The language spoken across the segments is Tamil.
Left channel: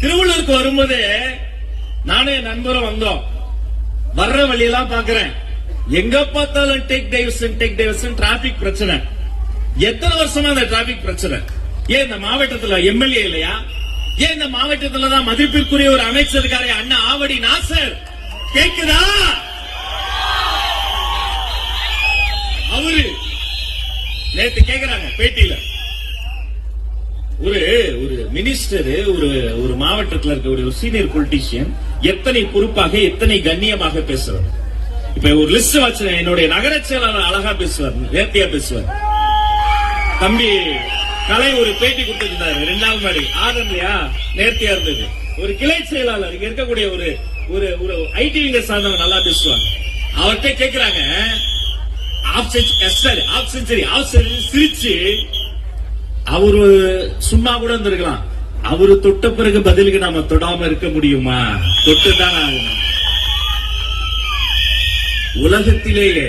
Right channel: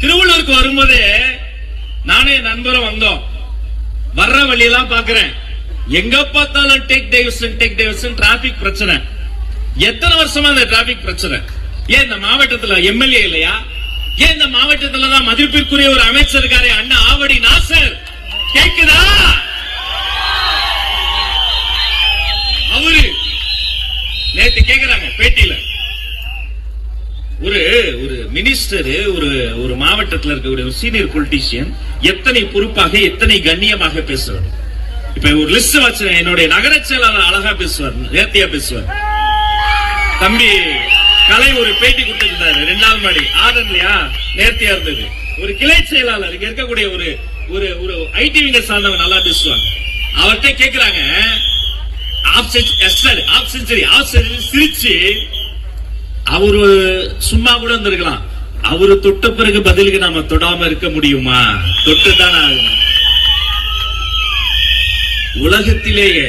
திருவள்ளூருக்கு வரும்போது நானே நண்பரும் வந்தோம். வர்ற வழியெல்லாம் பாக்குறேன், எங்க பார்த்தாலும் டேக் டைவர்ஷன் டிராபிக் பிரச்சனை. எத்தனை வருஷமா இந்த டிராபிக் பிரச்சனை? ஏன் இந்த மாவட்டத்துல எம்எல்ஏ இல்லையா? ஏன் இந்த மாவட்டத்துல தான் மதிப்பிற்குரிய ஒரு அமைச்சர் இருக்காரு, அண்ணா ஆவடி நாசர். கேக்குதா? அவரு நேத்து கேக்குறாங்க பேட்டியில, ஒரு மினிஸ்டர் ஒரு மாவட்டத்தில் இருக்கக்கூடிய ஒரு சீனியர் பொலிட்டீஷியன் எத்தனை பொறுப்பாக எத்தனை கண்ணியமாக பேசுறாரு. இப்ப ஒரு லிஸ்ட் வச்சு என்னுடைய நகர செயலாளர் அழகா பேசுவார், நேர்த்தியா பேசுவார். தம்பி கலை ஒரு பேட்டி கொடுத்திருந்தாரு 2வது மாடி ஆதன்லையா, நேர்த்தியா இருந்தது. ஒரு கிளை செயலாளர் இங்க இருக்கக்கூடிய ஒரு ஐடி விங்க சார்ந்தவங்க நல்லா பேசுவாங்க. அவர்கிட்ட கேக்குறாங்க, சிரிச்சு அவரு சும்மா கூட இருந்திருக்கலாம், அவரு தொட்ட பிறகு பதிலுக்கு நாம தொடாம இருக்க முடியுமா? தொட்டுதான் ஆகணும். உலகத்திலேயே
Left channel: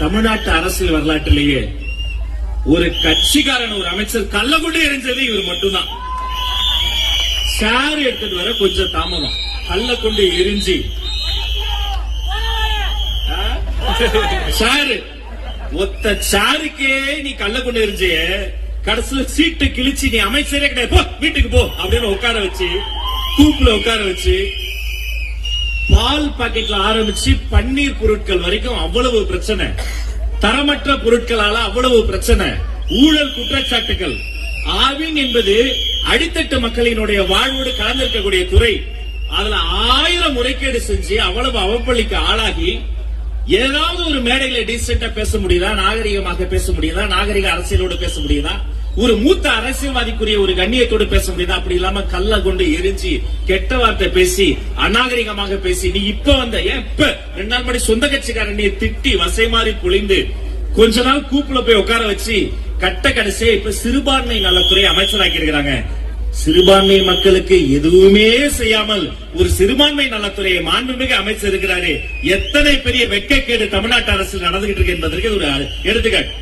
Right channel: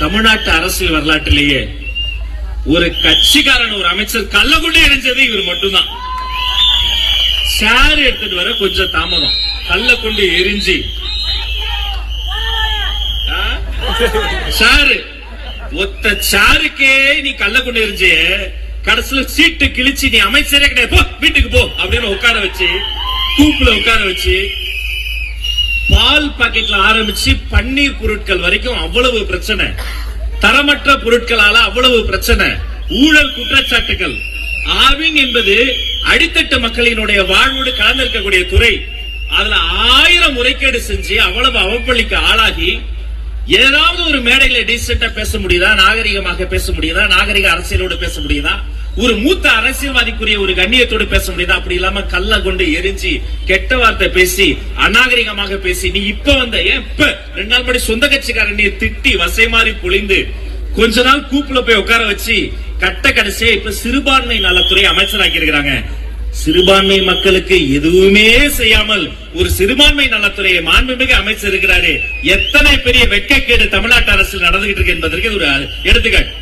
தமிழ்நாட்டு அரசியல் வரலாற்றிலேயே ஒரு கட்சிக்காரன் ஒரு அமைச்சர் கள்ள கொண்டு எரிஞ்சது இவர் மட்டும்தான். சார் எடுத்துட்டு வர கொஞ்சம் தாமதம், கள்ள கொண்டு எரிஞ்சு சாரு ஒத்த சாருக்கே நீ கள்ள கொண்டு எரிஞ்ச, கடைசியில சீட்டு கிழிச்சு நீ அமைச்சரே கிடையாது, போ வீட்டுக்கு போ அப்படின்னு உட்கார வச்சு, கூப்புல உட்கார வச்சு, பால் பாக்கெட்ல ஆரம்பிச்சு பன்னீர் பொருட்கள் வரைக்கும் அவ்வளவு பிரச்சனை, தரமற்ற பொருட்களால அவ்வளவு பிரச்சனை, ஊழல் குற்றச்சாட்டுகள். ஆவின் என்பது அடித்தட்டு மக்களினுடைய வாழ்வோடு கலந்திருக்கக்கூடிய துறை. அதுல 1000 முறைகேடு செஞ்சு அவ்வளவு அவப்பள்ளிக்கு ஆளாகி ஏதாவது ஒரு மேடையில டீசென்டா பேச முடியுதா? நாகரிகமாக பேச முடியுதா? நாகரிக அரசியலோடு பேச முடியுதா? ஒரு மூத்த அரசியல்வாதிக்குரிய ஒரு கண்ணியத்தோடு பேச முடியுதா? அப்படி இல்லாம கல்ல கொண்டு எரிஞ்சு கெட்ட வார்த்தை பேசி அநாகரிகமாக பேசி, நீ இப்ப வந்த ஏன் இப்ப 2 நாள் முன்னாடி சொந்த கட்சிக்காரன் நீ திட்டி வசை மாறி பொழிந்து கொஞ்ச நாள் கூப்புல போய் உட்கார வச்சு கட்ட கடைசியா இப்ப சிறுபான்மை நலத்துறை அமைச்சராக்கி இருக்கிறாங்க. சிறுபான்மை மக்களுக்கு எதுவுமே செய்யாமல் ஒரு சிறுபான்மை நலத்துறையை மாண்புமிகு அமைச்சர் இருக்கிறாரு. எத்தனை பெரிய வெட்கக்கேடு தமிழ்நாட்டு அரசு நடந்துகிட்டு இருக்கு என்பதற்கு ஒரு எடுத்துக்காட்டு.